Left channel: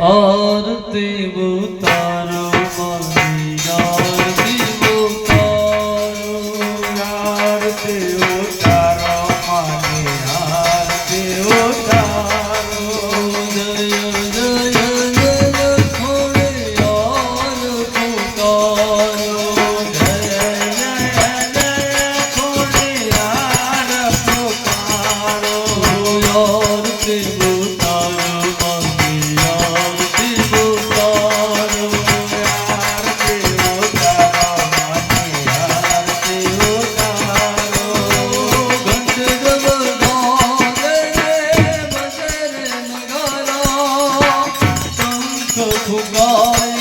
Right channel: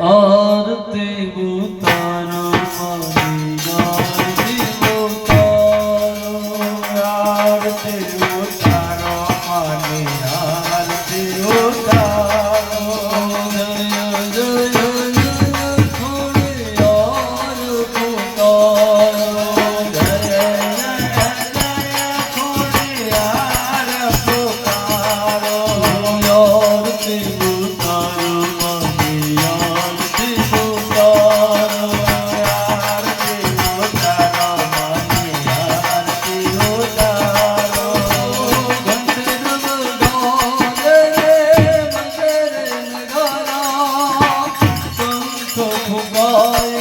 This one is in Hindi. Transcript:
और ते वो প্রভু গয়